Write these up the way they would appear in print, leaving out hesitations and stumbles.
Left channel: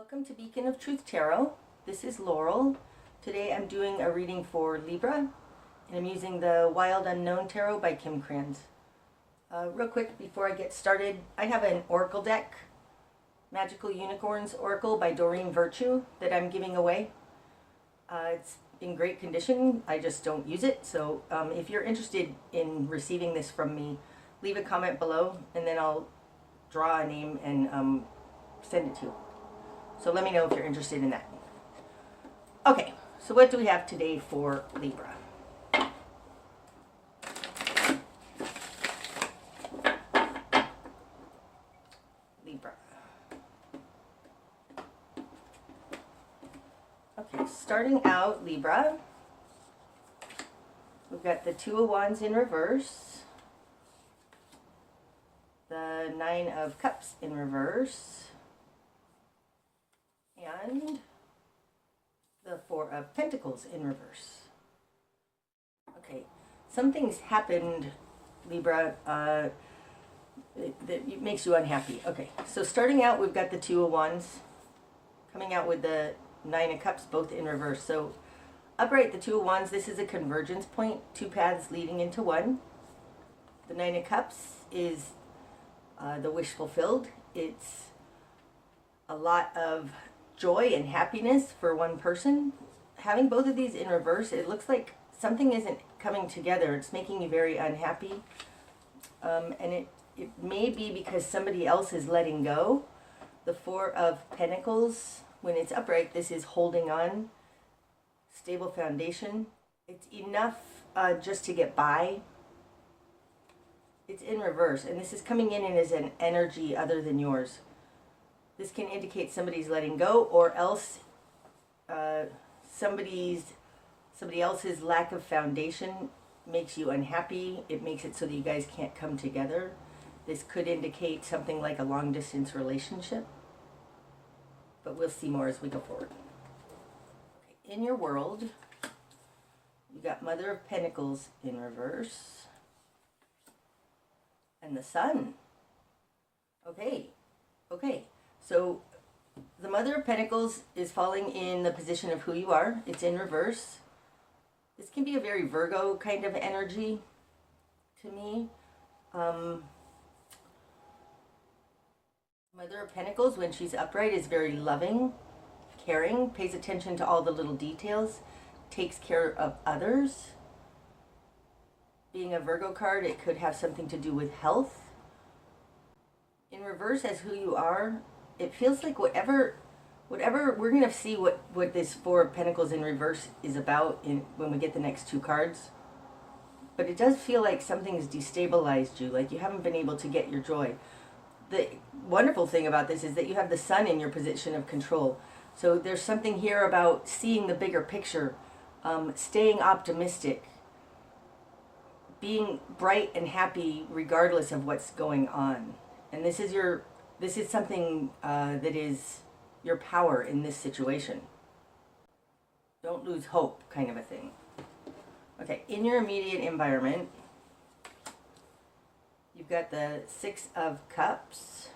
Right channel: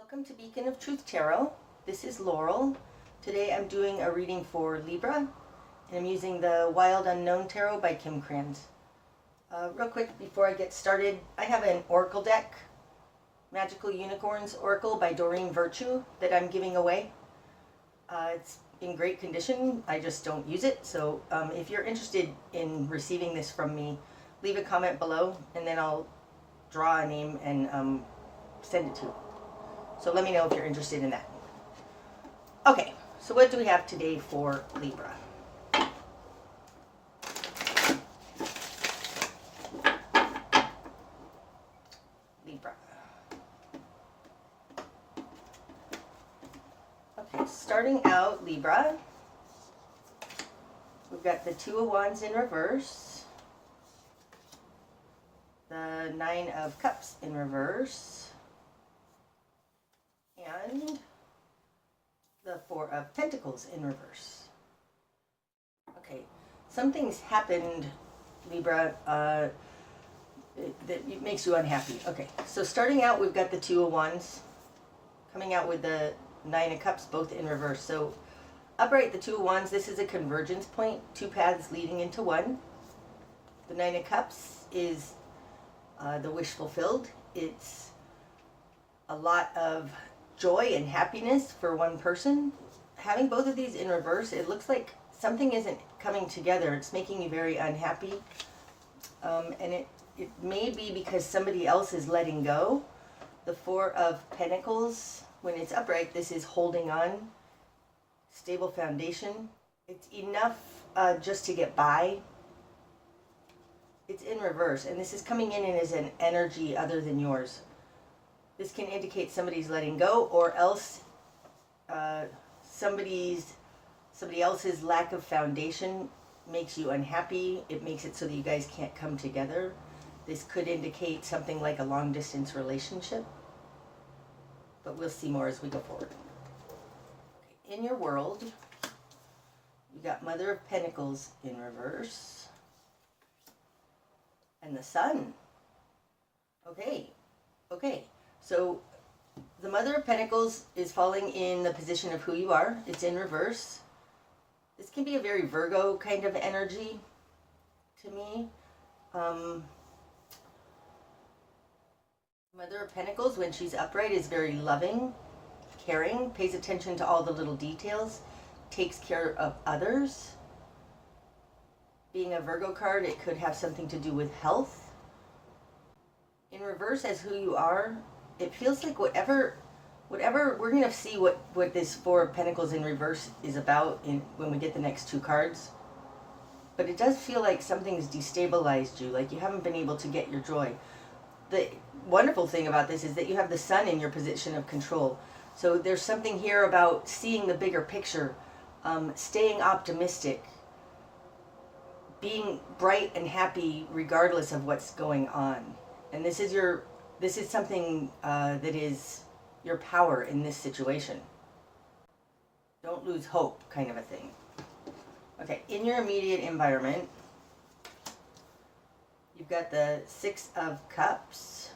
Welcome to Beacon of Truth Tarot. This is Laurel. Today I'm doing a reading for Libra, and I'm using the Wild Unknown Tarot by Krans. Real quick before I get started, I have an oracle deck, Magical Unicorns Oracle by Doreen Virtue, that I'm giving away. It's in great condition, I just don't use it, so if you're interested in receiving this from me, leave a comment below and then I'll draw a name and send it to you. So let me know if you're interested in that. Okay, so what do we have today for Libra? Libra. Okay, starting out, Libra, we've got the Two of Wands in reverse, the Nine of Cups in reverse, and the Four of Pentacles in reverse. Okay, something's happened, Libra, that makes you unhappy. Okay, so starting out, we've got the Two of Wands coming out with the Nine of Cups, both in reverse. So upright, the Two of Wands, this is a convergence point, two paths leading into one. The Nine of Cups is the wish fulfilled. It's a lot of joy and happiness for one person. Having both of these in reverse, it looks like something isn't coming together. It's making you very unhappy. And it may be because somebody else is letting go. The Four of Pentacles, when it's upright, this is holding on, stable foundation. It's enough just to get by. It's in reverse, and this is coming in as an energy other than yours. This can indicate somebody's letting go, or else somebody else's lack of foundation makes you unhappy. It makes it so that you guys can't come together. This could indicate something like a long distance relationship, but we'll see more as we go forward. Okay. In your world, you got Mother of Pentacles in reverse, and the Sun. Okay. So the Mother of Pentacles is falling in the position of who you are. It's in reverse. This can be a very Virgo kind of energy to me. Mother of Pentacles, when she's upright, is very loving, caring, pays attention to all the little details, takes care of others. Being a Virgo card, it could have something to do with health. In reverse, as who you are, it feels like whatever we're going to see what this Four of Pentacles in reverse is about when we get the next two cards. But it does feel like something's destabilized you, like you haven't been able to get your joy. The wonderful thing about this is that you have the Sun in your position of control. So there's something here about seeing the bigger picture, staying optimistic, being bright and happy regardless of what's going on. And this is something that is your power in this situation. Don't lose hope, kind of a thing. Okay, in your immediate environment, you've got the Six of Cups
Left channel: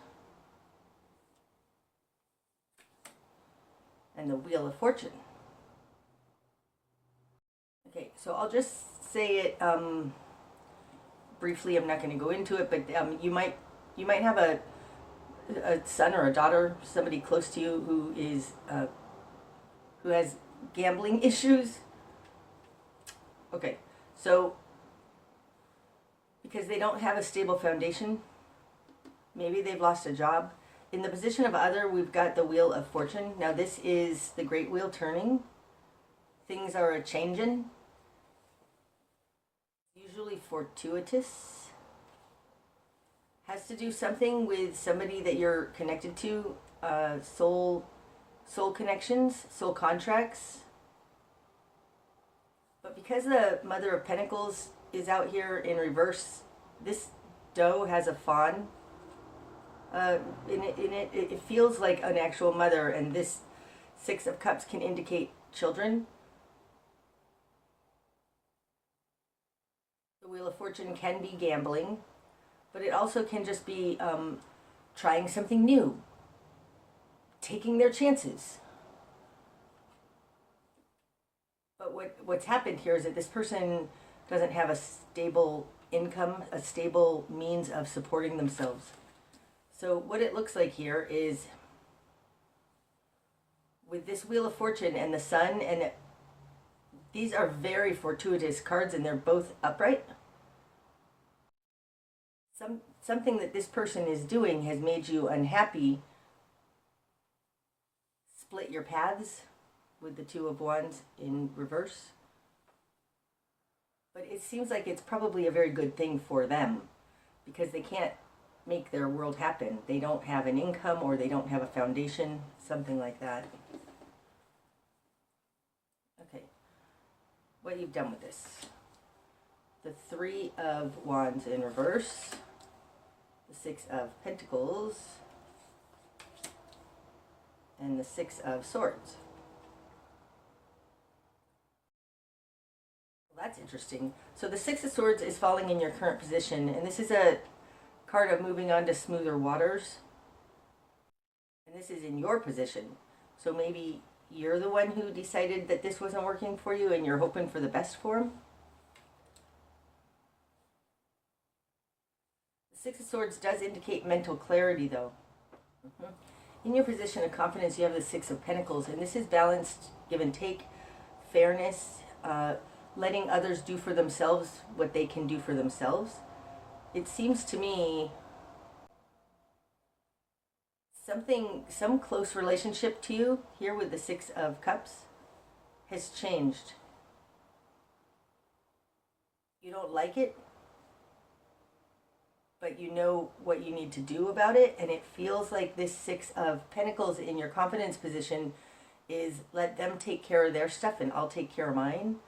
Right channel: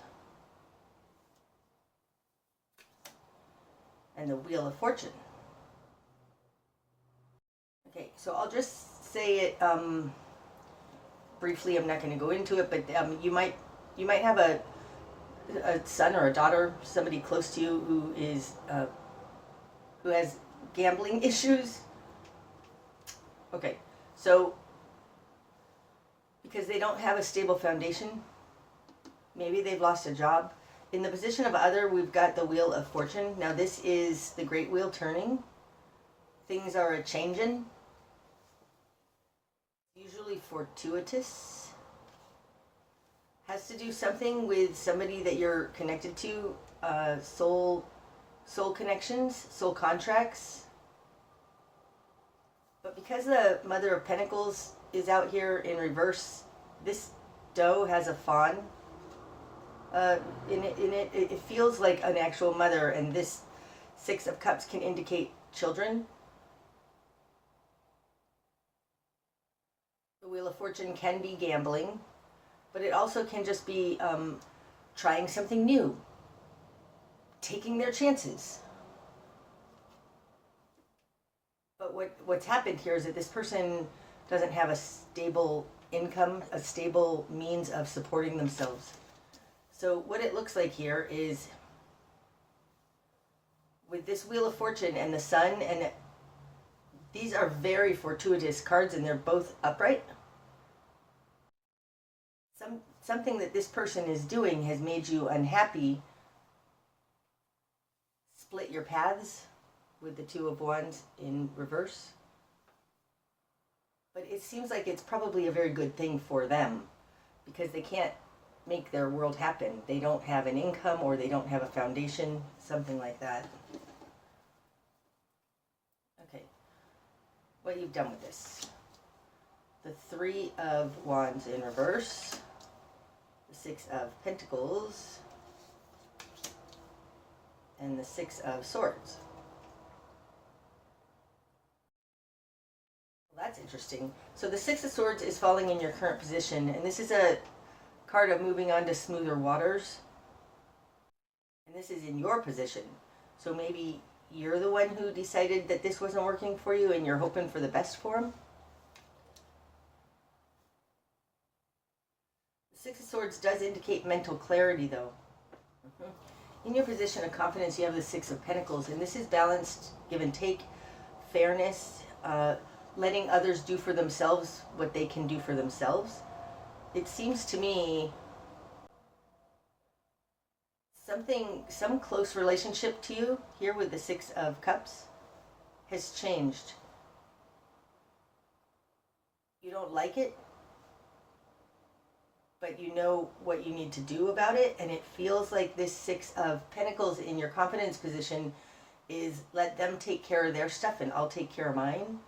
and the Wheel of Fortune. Okay, so I'll just say it briefly. I'm not going to go into it, but you might have a son or a daughter, somebody close to you who has gambling issues. Okay, so because they don't have a stable foundation, maybe they've lost a job. In the position of other, we've got the Wheel of Fortune. Now this is the great wheel turning. Things are a-changin'. Usually fortuitous. Has to do something with somebody that you're connected to, soul connections, soul contracts. But because the Mother of Pentacles is out here in reverse, this doe has a fawn. It feels like an actual mother, and this Six of Cups can indicate children. The Wheel of Fortune can be gambling. But it also can just be trying something new, taking their chances. But what's happened here is that this person doesn't have a stable income, a stable means of supporting themselves. So what it looks like here is with this Wheel of Fortune and the Sun, and these are very fortuitous cards and they're both upright. Something that this person is doing has made you unhappy. Split your paths with the Two of Wands in reverse. But it seems like it's probably a very good thing for them because they can't make their world happen. They don't have an income or they don't have a foundation, something like that. Okay, what you've done with this. The Three of Wands in reverse, the Six of Pentacles, and the Six of Swords. Well, that's interesting. So the Six of Swords is falling in your current position, and this is a card of moving on to smoother waters. And this is in your position. So maybe you're the one who decided that this wasn't working for you and you're hoping for the best for them. The Six of Swords does indicate mental clarity, though. In your position of confidence, you have the Six of Pentacles, and this is balanced, give and take, fairness, letting others do for themselves what they can do for themselves. It seems to me some close relationship to you here with the Six of Cups has changed. You don't like it, but you know what you need to do about it, and it feels like this Six of Pentacles in your confidence position is let them take care of their stuff and I'll take care of mine.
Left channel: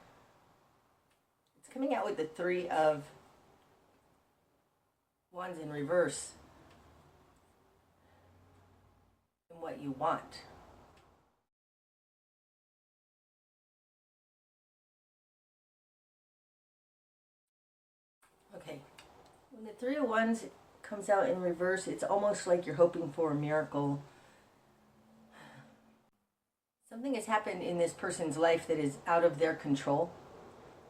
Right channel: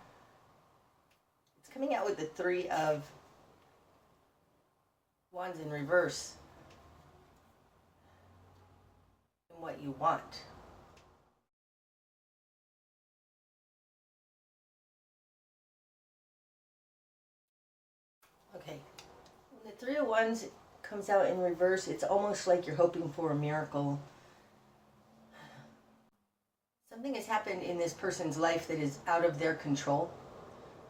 It's coming out with the Three of Wands in reverse and what you want. Okay, when the Three of Wands comes out in reverse, it's almost like you're hoping for a miracle. Something has happened in this person's life that is out of their control.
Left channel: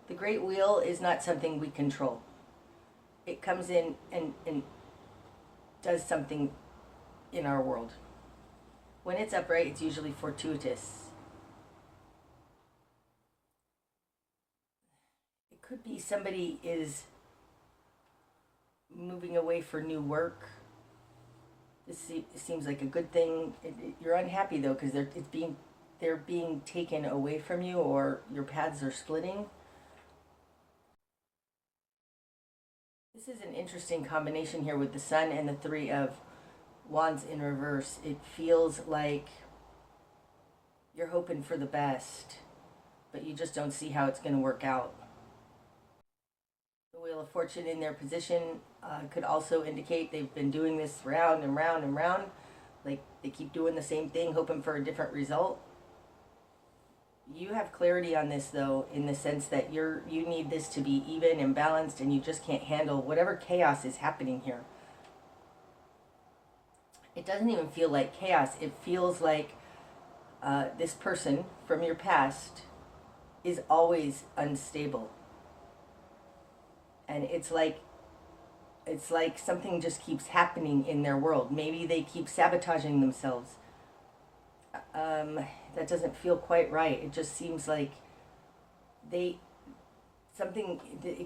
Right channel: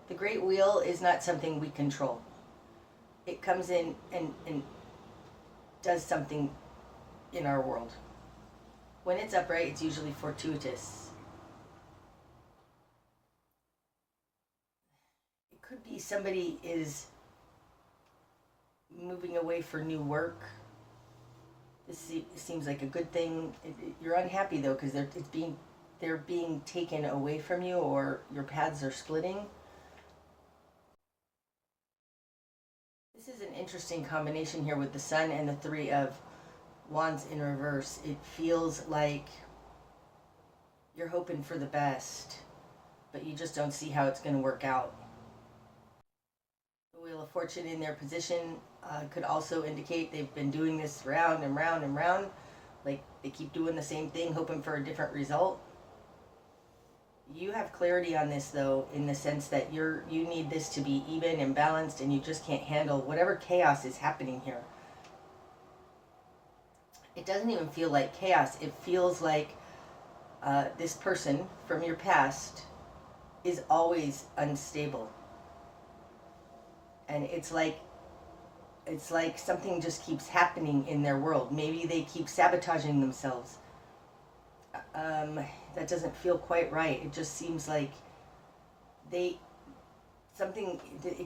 The Great Wheel is not something we control. It comes in and does something in our world. When it's upright, it's usually fortuitous. It could be somebody is moving away for new work. This seems like a good thing. You're unhappy though because they're being taken away from you, or your paths are splitting. This is an interesting combination here with the Sun and the Three of Wands in reverse. It feels like you're hoping for the best, but you just don't see how it's going to work out. The Wheel of Fortune in their position could also indicate they've been doing this round and round and round. Like they keep doing the same thing, hoping for a different result. You have clarity on this though, in the sense that you need this to be even and balanced, and you just can't handle whatever chaos is happening here. It doesn't even feel like chaos. It feels like this person from your past is always unstable. And it's like something just keeps happening in their world. Maybe they keep sabotaging themselves. That doesn't feel quite right. It just seems like it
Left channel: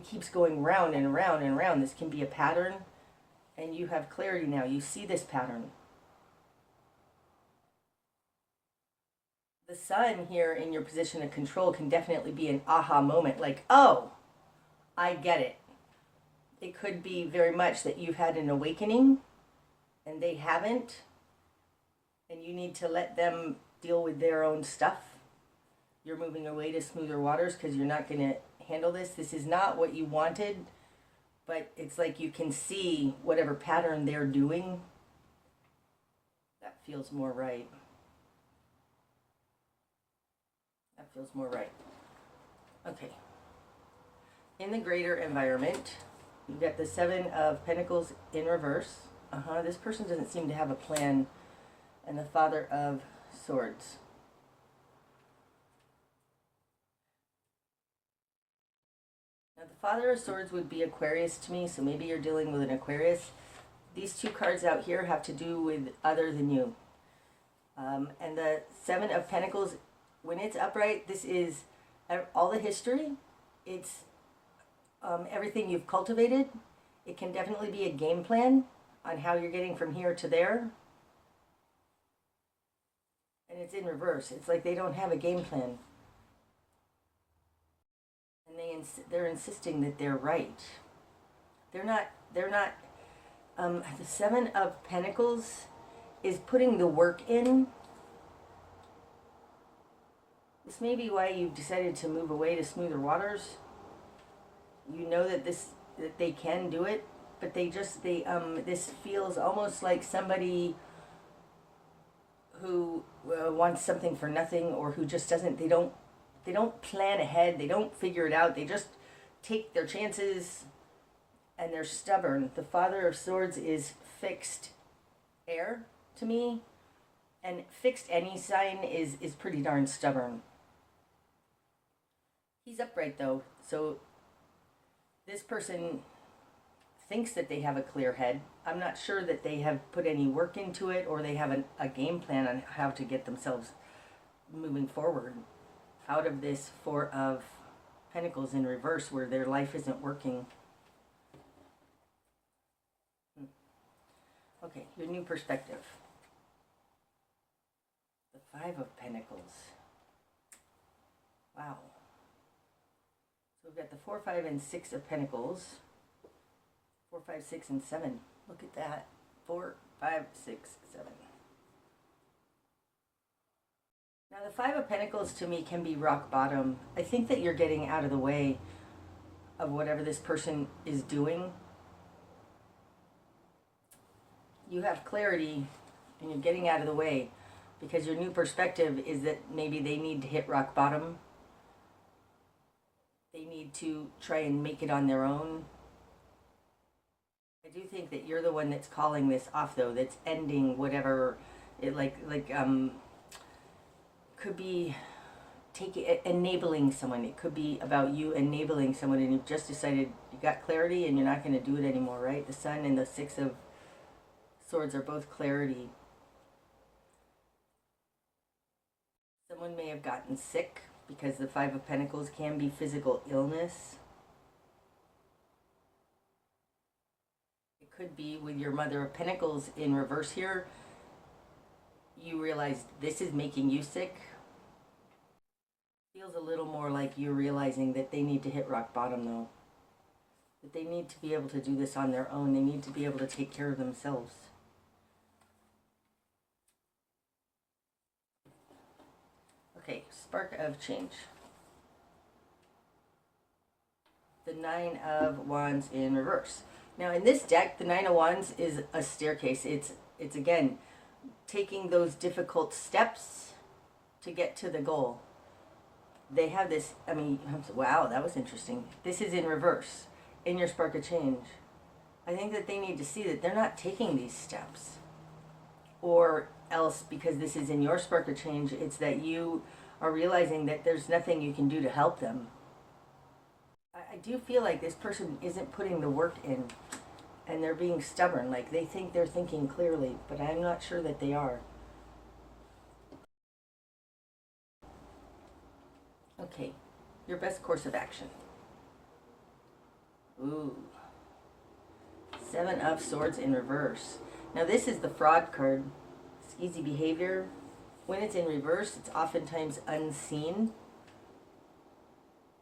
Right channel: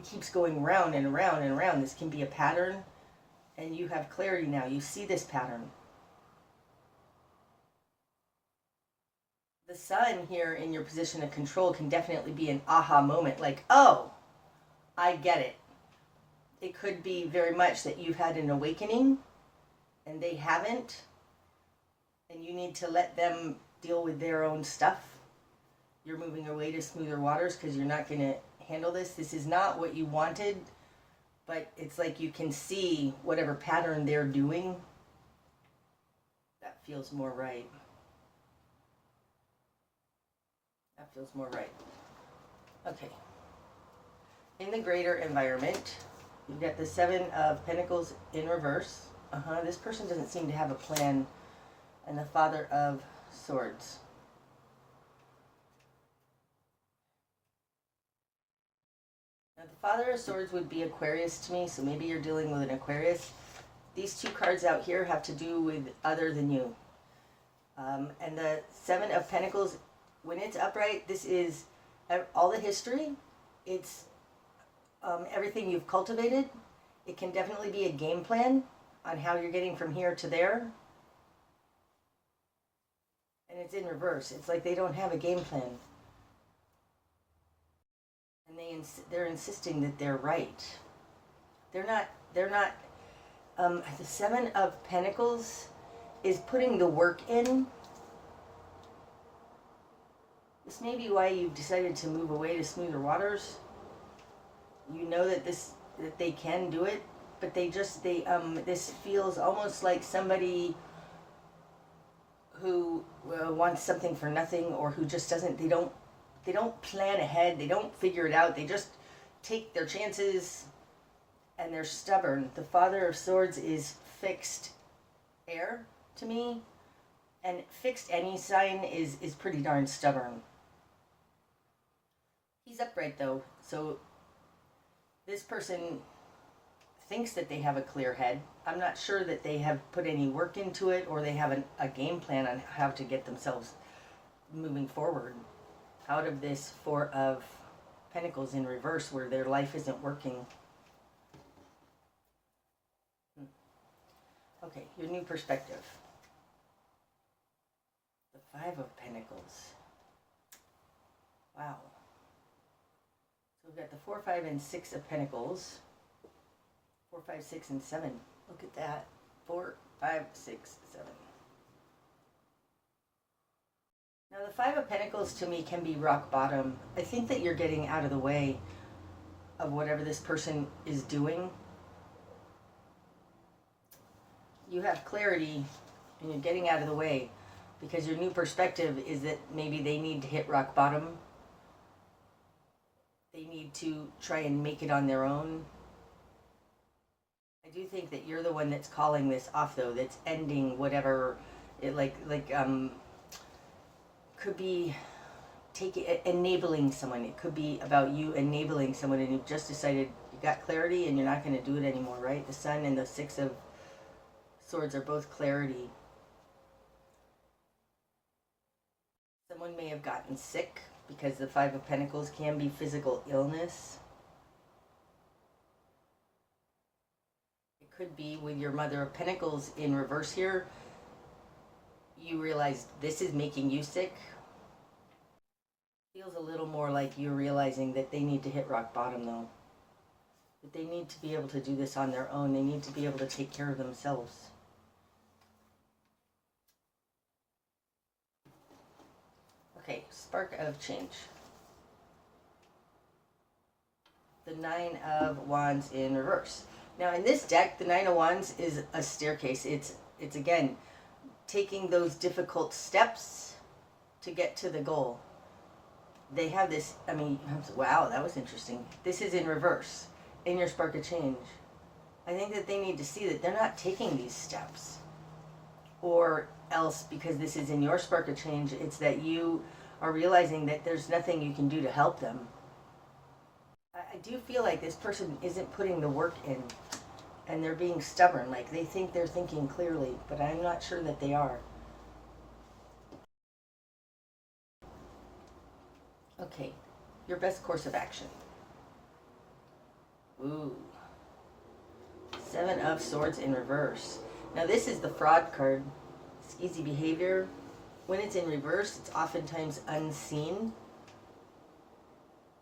keeps going round and around and around. This can be a pattern, and you have clarity now. You see this pattern. The Sun here in your position of control can definitely be an aha moment, like, oh, I get it. It could be very much that you've had an awakening and they haven't, and you need to let them deal with their own stuff. You're moving away to smoother waters because you're not going to handle this. This is not what you wanted, but it's like you can see whatever pattern they're doing. That feels more right. That feels more right. Okay. In the greater environment, you've got the Seven of Pentacles in reverse. This person doesn't seem to have a plan. and the Father of Swords. Now, the Father of Swords would be Aquarius to me, so maybe you're dealing with an Aquarius. These two cards out here have to do with other than you. And the Seven of Pentacles, when it's upright, this is all the history. It's everything you've cultivated. It can definitely be a game plan on how you're getting from here to there. And it's in reverse. It's like they don't have a game plan. And they're insisting that they're right. They're not, the Seven of Pentacles is putting the work in. This may be why you've decided to move away to smoother waters. You know that they can do it, but this feels almost like somebody who wants something for nothing, or who just doesn't, they don't plan ahead, they don't figure it out, they just take their chances, and they're stubborn. The Father of Swords is fixed air to me, and fixed any sign is pretty darn stubborn. He's upright though, so this person thinks that they have a clear head. I'm not sure that they have put any work into it, or they have a game plan on how to get themselves moving forward out of this Four of Pentacles in reverse, where their life isn't working. Okay, your new perspective. The Five of Pentacles. Wow. So we've got the 4, 5, and 6 of Pentacles. 4, 5, 6, and 7. Look at that. 4, 5, 6, 7. Now the Five of Pentacles to me can be rock bottom. I think that you're getting out of the way of whatever this person is doing. You have clarity and you're getting out of the way because your new perspective is that maybe they need to hit rock bottom. They need to try and make it on their own. I do think that you're the one that's calling this off, though, that's ending whatever it could be enabling someone. It could be about you enabling someone, and you've just decided you got clarity and you're not going to do it anymore, right? The Sun and the Six of Swords are both clarity. Someone may have gotten sick, because the Five of Pentacles can be physical illness. It could be with your Mother of Pentacles in reverse here. You realize this is making you sick. Feels a little more like you're realizing that they need to hit rock bottom, though. That they need to be able to do this on their own. They need to be able to take care of themselves. Okay, spark of change. The Nine of Wands in reverse. Now in this deck, the Nine of Wands is a staircase. It's again, taking those difficult steps to get to the goal. They have this, wow, that was interesting. This is in reverse, in your spark of change. I think that they need to see that they're not taking these steps. Or else, because this is in your spark of change, it's that you are realizing that there's nothing you can do to help them. I do feel like this person isn't putting the work in, and they're being stubborn. Like they think they're thinking clearly, but I'm not sure that they are. Okay, your best course of action. Ooh. Seven of Swords in reverse. Now this is the fraud card. It's easy behavior. When it's in reverse, it's oftentimes unseen.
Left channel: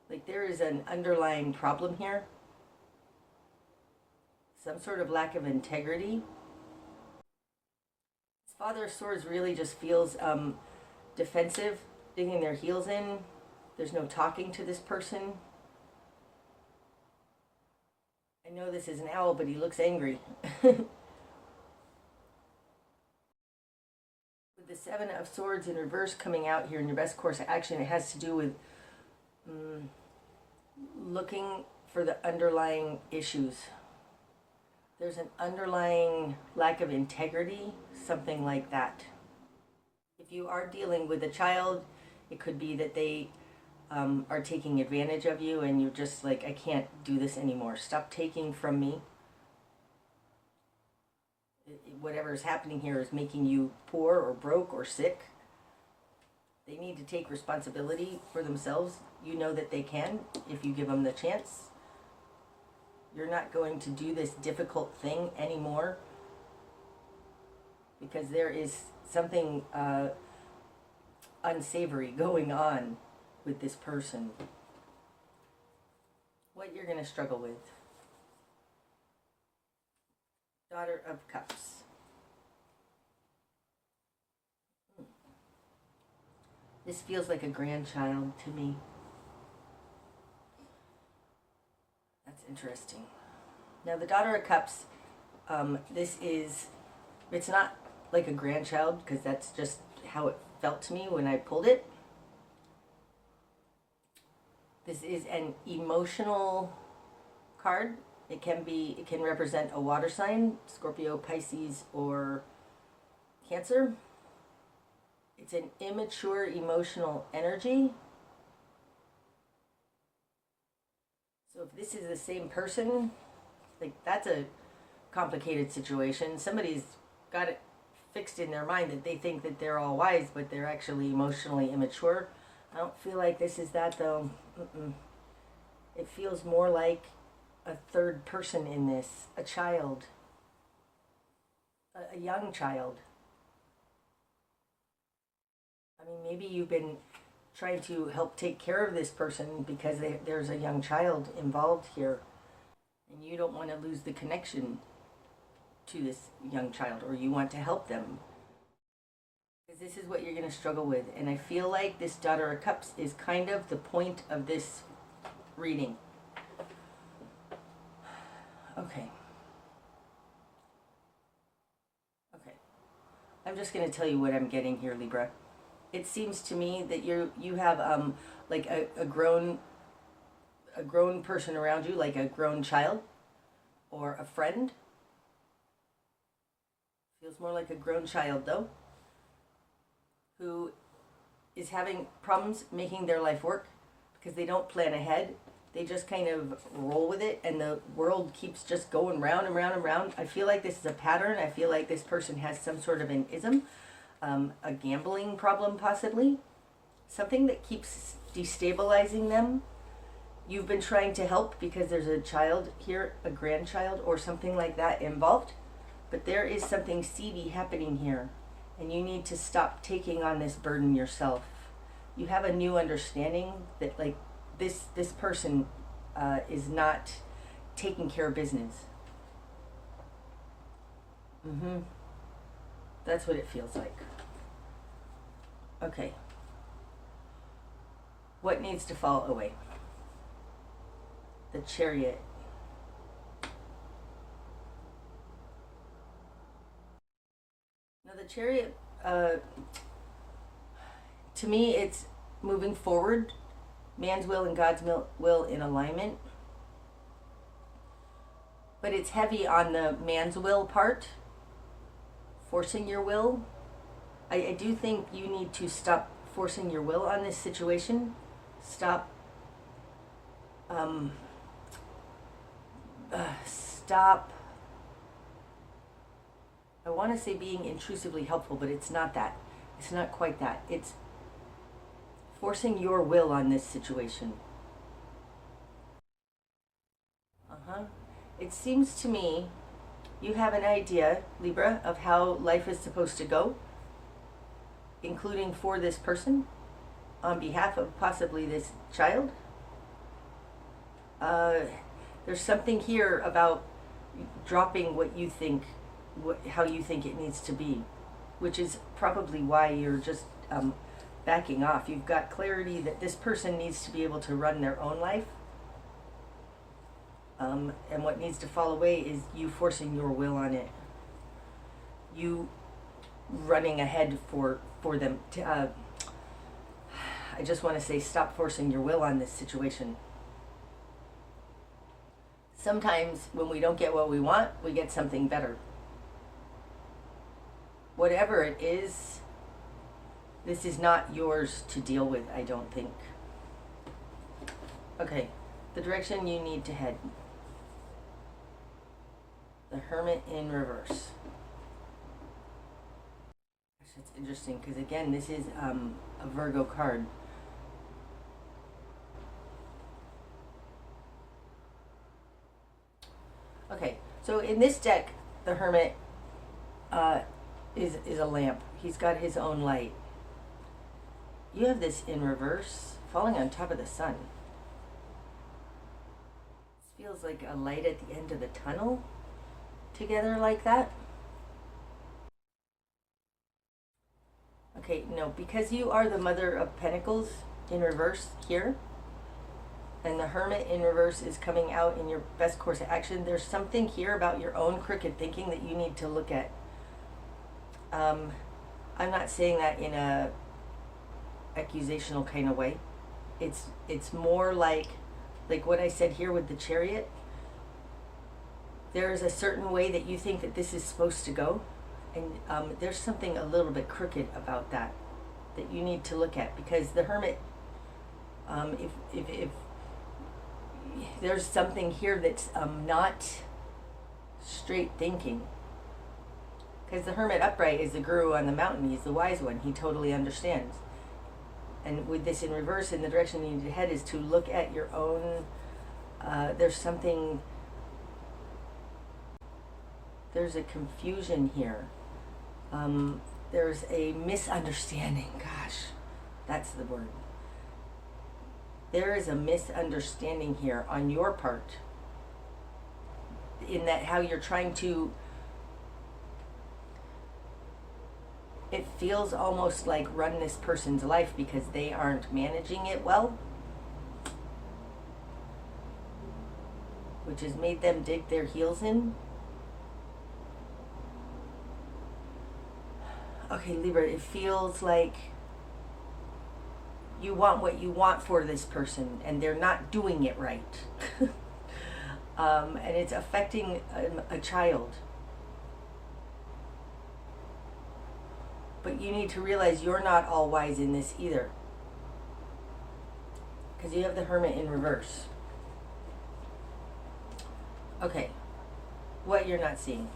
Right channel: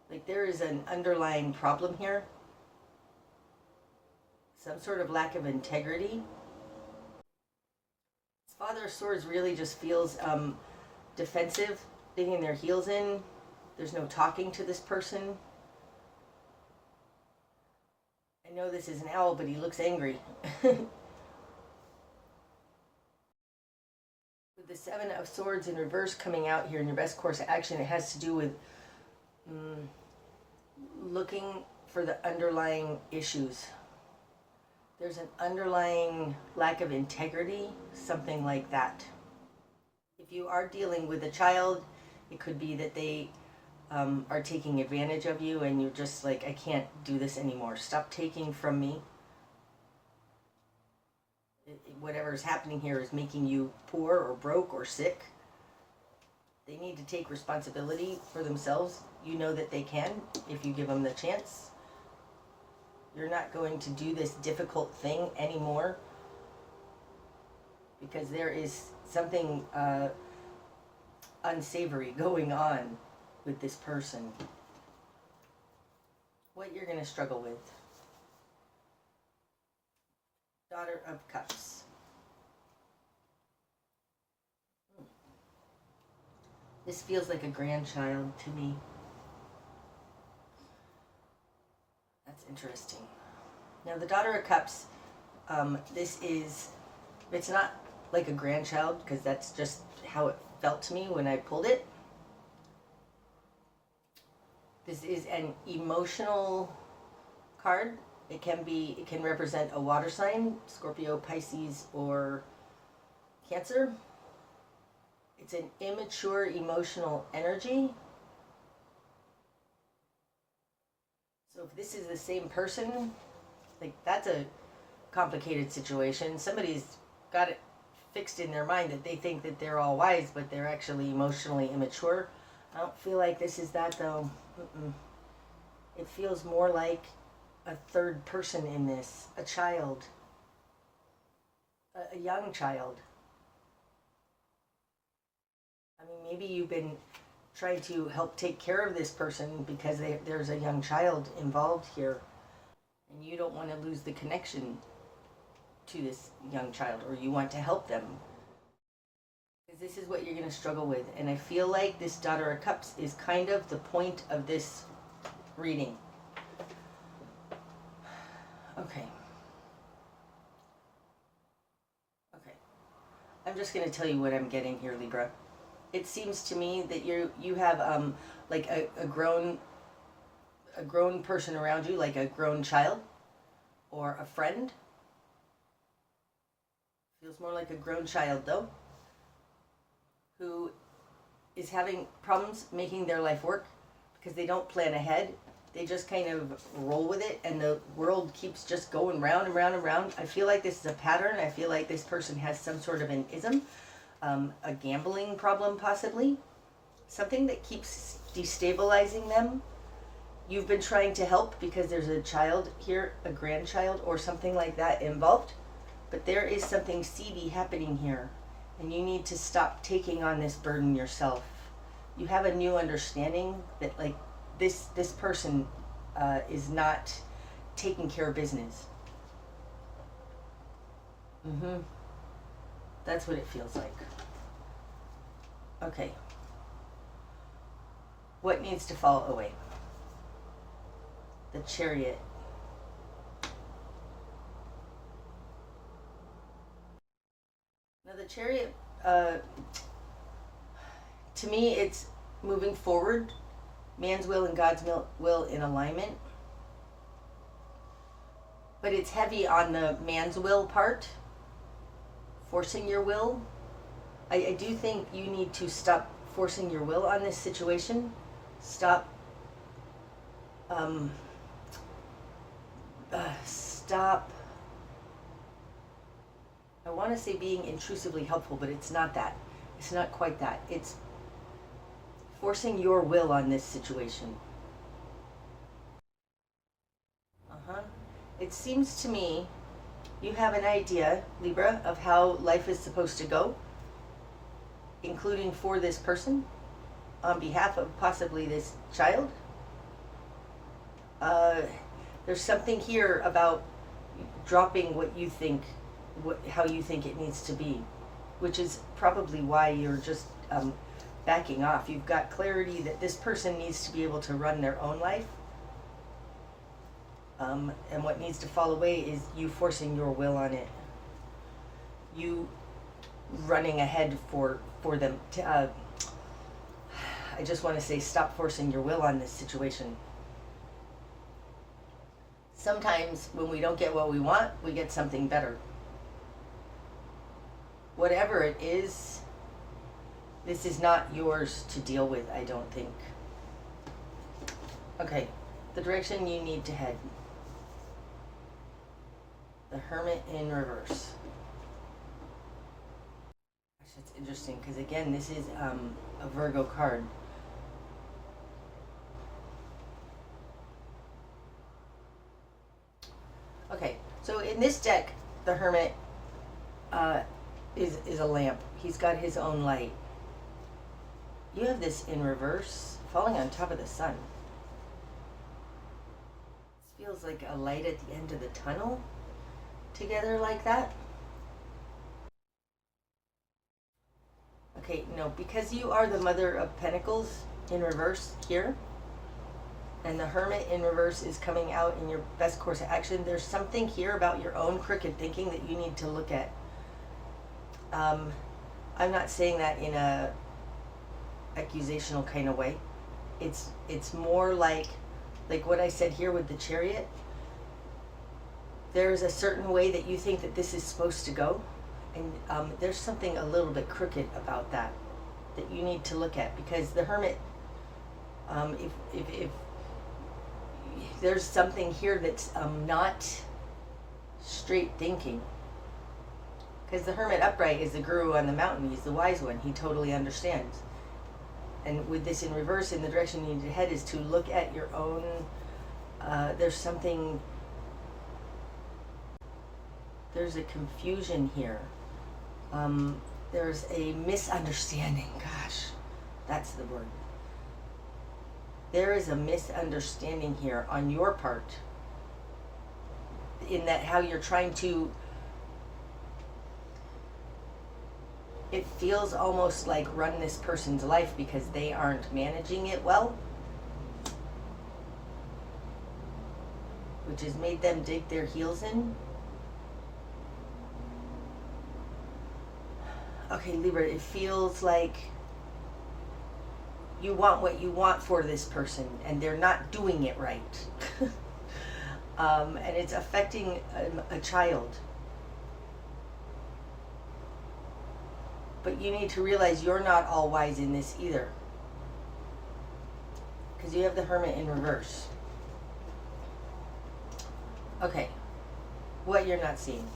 Like there is an underlying problem here. Some sort of lack of integrity. This Father of Swords really just feels defensive, digging their heels in. There's no talking to this person. I know this is an owl, but he looks angry. With the Seven of Swords in reverse coming out here in your best course of action, it has to do with looking for the underlying issues. There's an underlying lack of integrity, something like that. If you are dealing with a child, it could be that they are taking advantage of you and you're just like, I can't do this anymore. Stop taking from me. Whatever is happening here is making you poor or broke or sick. They need to take responsibility for themselves. You know that they can if you give them the chance. You're not going to do this difficult thing anymore because there is something unsavory going on with this person. What you're going to struggle with. Daughter of Cups. This feels like a grandchild to me. That's interesting. Now the Daughter of Cups, it's not like a grandchild because that's just how it felt to me when I pulled it. This is an emotional card. It can represent a water sign, Scorpio, Pisces, or Cancer. It's an immature emotional energy. So if this is the same person, like that's a complicated situation. Somebody's got it fixed in their mind that they think that they're all wise, but they're actually emotionally immature. I don't feel like this is that though. It feels more like a third person in this, a child, a young child. I mean, maybe you've been trying to help take care of this person because there's a young child involved here, and you don't want to lose the connection to this young child, or you want to help them. Because this is what you're going to struggle with, and I feel like this Daughter of Cups is kind of the point of this reading. Okay. I'm just going to tell you what I'm getting here, Libra. It seems to me that you have like a grown person around you, like a grown child or a friend. Feels more like a grown child though, who is having problems making their life work because they don't plan ahead. They just kind of roll with it, and the world keeps just going round and round and round. I feel like this is a pattern. I feel like this person has some sort of an ism, a gambling problem possibly, something that keeps destabilizing them. You've been trying to help because there's a child here, a grandchild or something like that involved, but there is something seedy happening here, and you need to stop taking on this burden yourself. You have a new understanding that like this person is not taking care of business. That's what it feels like. Okay. What needs to fall away? The Chariot. Now the Chariot, to me, it's moving forward. Man's will and God's will in alignment. But it's heavy on the man's will part. Forcing your will. I do think you need to stop forcing your will on this situation. Stop I want to say being intrusively helpful, but it's not that. It's not quite that. It's forcing your will on this situation. It seems to me you have an idea, Libra, of how life is supposed to go, including for this person, on behalf of possibly this child. There's something here about dropping what you think, how you think it needs to be, which is probably why you're just backing off. You've got clarity that this person needs to be able to run their own life. And what needs to fall away is you forcing your will on it. You running ahead for them. I just want to say stop forcing your will on this situation. Sometimes when we don't get what we want, we get something better. Whatever it is, This is not yours to deal with, I don't think. Okay, the direction you need to head. The Hermit in reverse. That's interesting, because again, this is a Virgo card. Okay, so in this deck, the Hermit is a lamp. He's got his own light. You have this in reverse, falling on top of the sun. This feels like a light at the end of the tunnel, together like that. Okay, no, because you are the Mother of Pentacles in reverse here, and the Hermit in reverse is coming out in your best course of action, there's something here about your own crooked thinking that you need to look at. I'm not saying that in a accusational kind of way. It's more like what I said here with the Chariot. There's a certain way that you think that this is supposed to go, and there's something a little bit crooked about that you need to look at, because the Hermit, if there's something here that's not straight thinking, because the Hermit upright is the guru on the mountain. He's the wise one. He totally understands. And with this in reverse, in the direction you need to head is to look at your own, there's something, there's a confusion here. There's a misunderstanding. Gosh, that's the word. There is a misunderstanding here on your part, in that how you're trying to, it feels almost like run this person's life because they aren't managing it well, which has made them dig their heels in. Okay, Libra, it feels like you want what you want for this person and they're not doing it right. And it's affecting a child. But you need to realize you're not all wise in this either, because you have the Hermit in reverse. Okay, what you're not seeing.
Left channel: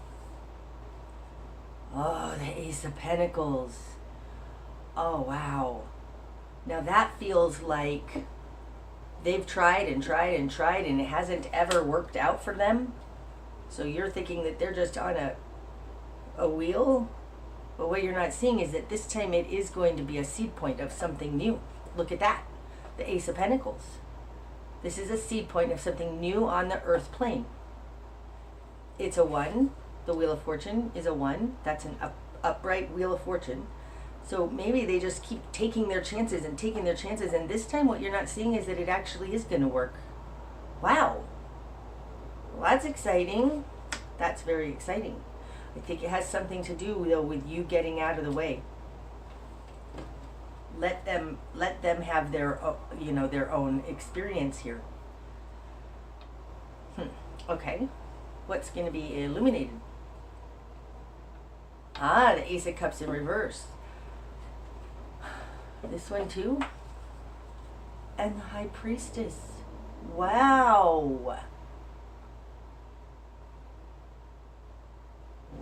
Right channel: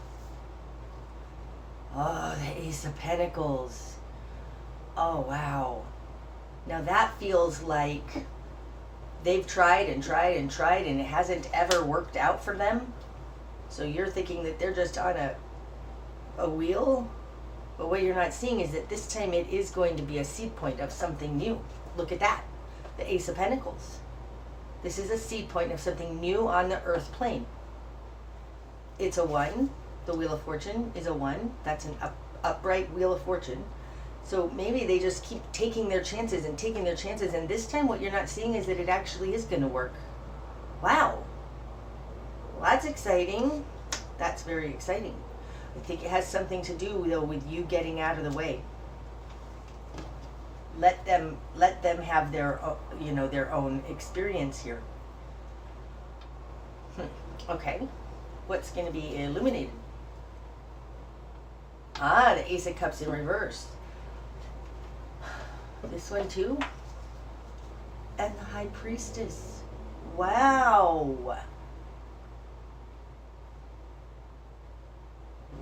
Oh, the Ace of Pentacles. Oh, wow. Now that feels like they've tried and tried and tried and it hasn't ever worked out for them. So you're thinking that they're just on a wheel. But what you're not seeing is that this time it is going to be a seed point of something new. Look at that. The Ace of Pentacles. This is a seed point of something new on the earth plane. It's a 1. The Wheel of Fortune is a 1. That's an upright Wheel of Fortune. So maybe they just keep taking their chances and taking their chances. And this time what you're not seeing is that it actually is going to work. Wow. Well, that's exciting. That's very exciting. I think it has something to do, though, with you getting out of the way. Let them have their, their own experience here. Okay, what's going to be illuminated? Ah, the Ace of Cups in reverse. This one too, and the High Priestess. Wow.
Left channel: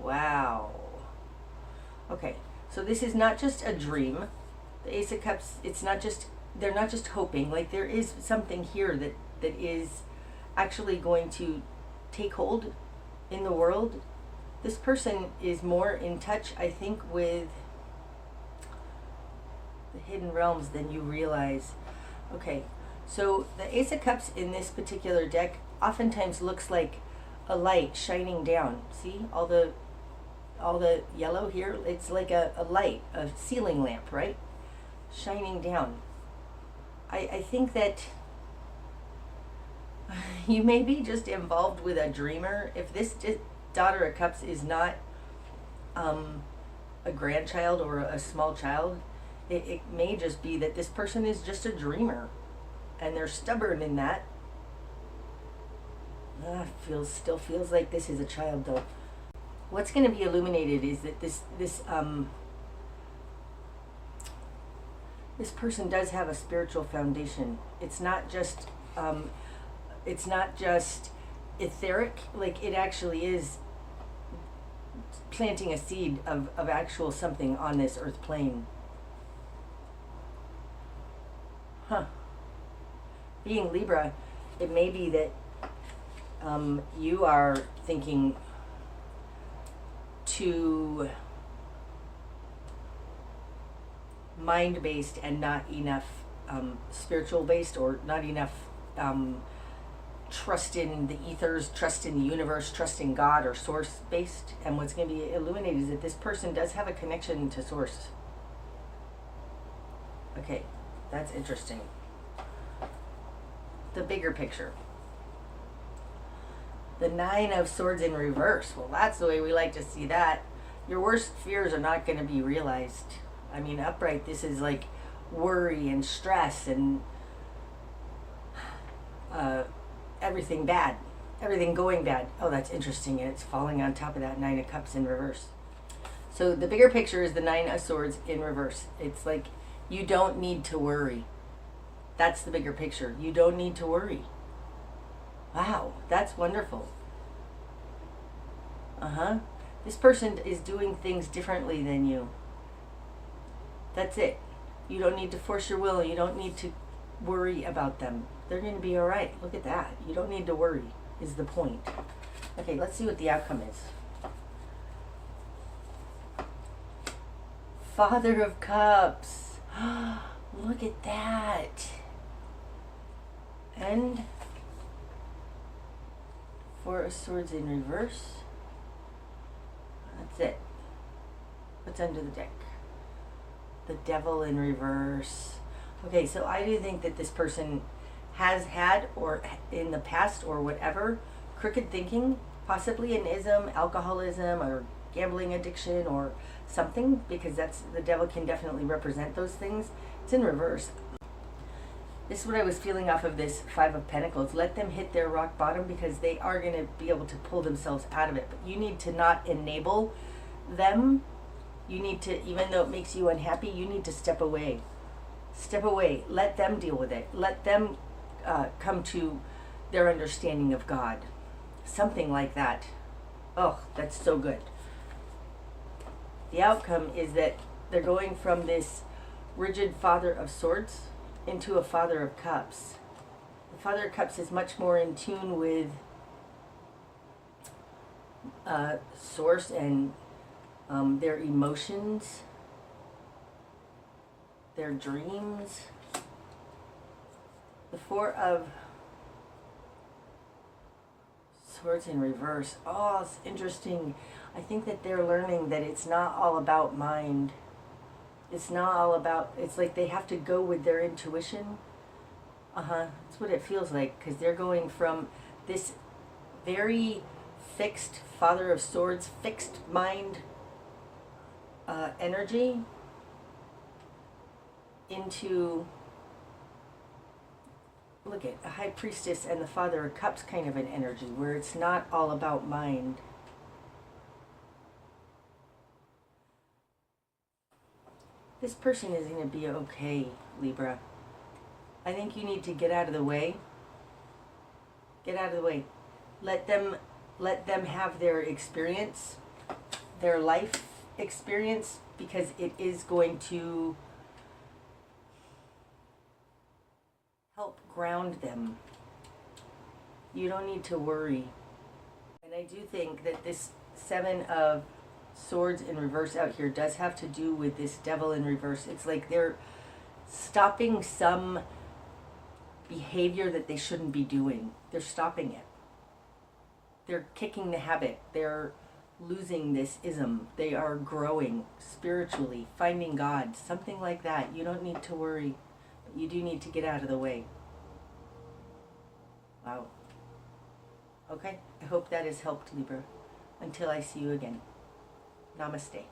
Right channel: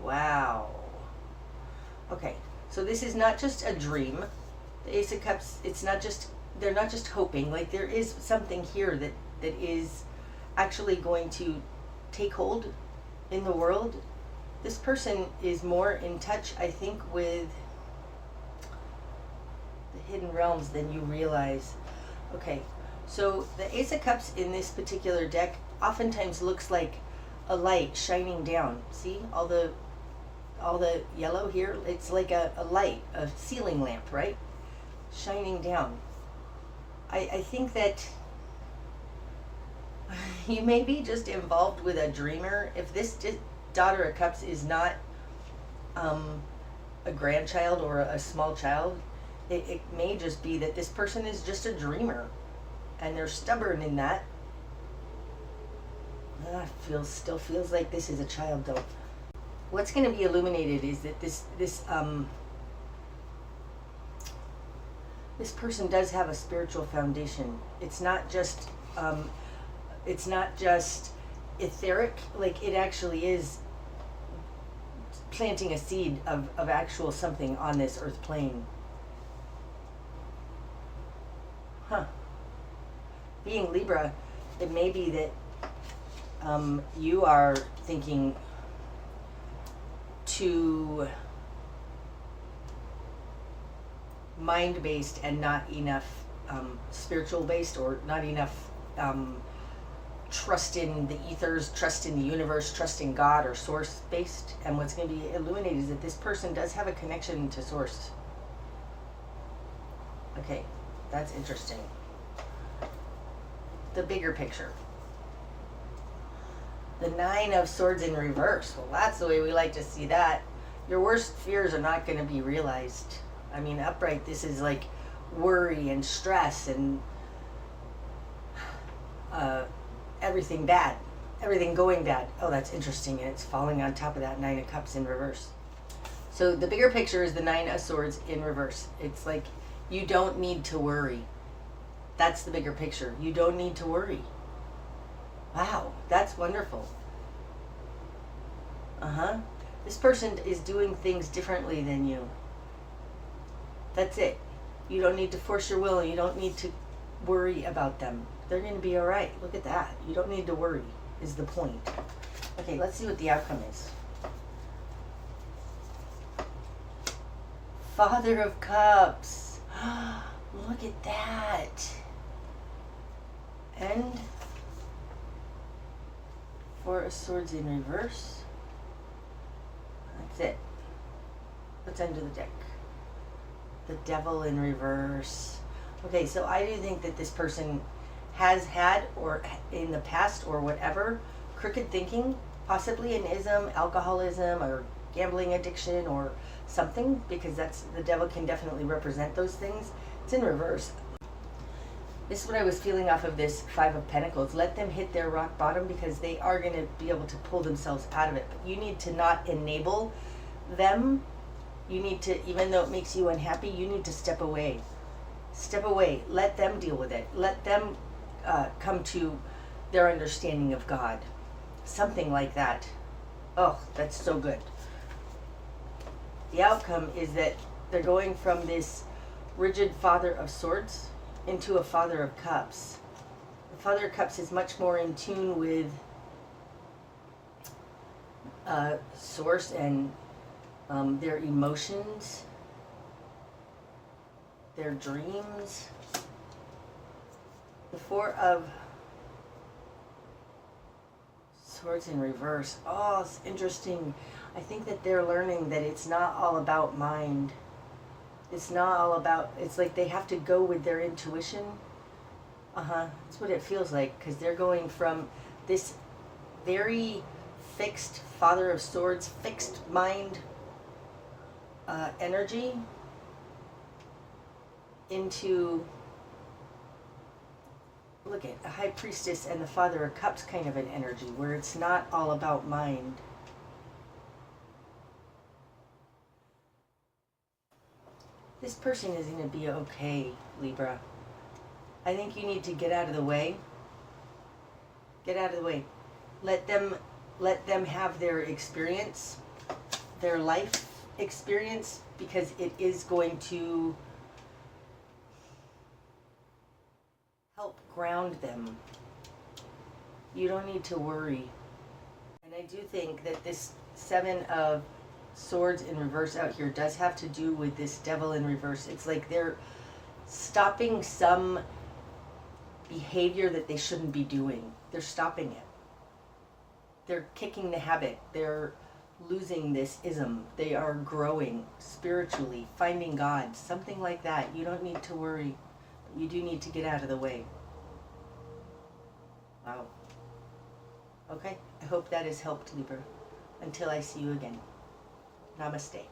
Wow. Okay, so this is not just a dream. The Ace of Cups, they're not just hoping. Like, there is something here that is actually going to take hold in the world. This person is more in touch, I think, with the hidden realms than you realize. Okay, so the Ace of Cups in this particular deck oftentimes looks like a light shining down. See all the yellow here? It's like a light, a ceiling lamp, right? Shining down. I think that you may be just involved with a dreamer. If this Daughter of Cups is not a grandchild or a small child, it may just be that this person is just a dreamer and they're stubborn in that. Still feels like this is a child, though. What's going to be illuminated is that this This person does have a spiritual foundation. It's not just etheric, like it actually is planting a seed of actual something on this earth plane. Being Libra, it may be that you are thinking too mind-based and not enough spiritual-based, or not enough trust in the ethers, trust in the universe, trust in God or source-based. And what's going to be illuminated is that this person does have a connection to source. Okay, that's interesting. The bigger picture. The 9 of Swords in reverse. Well, that's the way we like to see that. Your worst fears are not going to be realized. I mean, upright, this is like worry and stress and everything bad. Everything going bad. Oh, that's interesting. And it's falling on top of that 9 of Cups in reverse. So the bigger picture is the 9 of Swords in reverse. It's like you don't need to worry. That's the bigger picture. You don't need to worry. Wow, that's wonderful. This person is doing things differently than you. That's it. You don't need to force your will. You don't need to worry about them. They're going to be all right. Look at that. You don't need to worry is the point. Okay, let's see what the outcome is. Father of Cups. Look at that. And 4 of Swords in reverse. That's it. What's under the deck? The Devil in reverse. Okay, so I do think that this person has had, or in the past or whatever, crooked thinking, possibly an ism, alcoholism, or gambling addiction, or something, because that's, the devil can definitely represent those things. It's in reverse. This is what I was feeling off of this 5 of Pentacles. Let them hit their rock bottom, because they are going to be able to pull themselves out of it. But you need to not enable them. You need to, even though it makes you unhappy, you need to step away. Step away. Let them deal with it. Let them come to their understanding of God. Something like that. Oh, that's so good. The outcome is that they're going from this rigid Father of Swords into a Father of Cups. The Father of Cups is much more in tune with source and their emotions, their dreams. The 4 of Swords in reverse. Oh, it's interesting. I think that they're learning that it's not all about mind. It's not all about, it's like they have to go with their intuition. That's what it feels like, because they're going from this very fixed Father of Swords, fixed mind energy into, look at a High Priestess and the Father of Cups kind of an energy, where it's not all about mind. This person is going to be okay, Libra. I think you need to get out of the way. Get out of the way. Let them have their experience, their life experience, because it is going to help ground them. You don't need to worry. And I do think that this 7 of Swords in reverse out here does have to do with this Devil in reverse. It's like they're stopping some behavior that they shouldn't be doing. They're stopping it. They're kicking the habit. They're losing this ism. They are growing spiritually, finding God, something like that. You don't need to worry. You do need to get out of the way. Wow. Okay, I hope that has helped, Libra. Until I see you again. Namaste.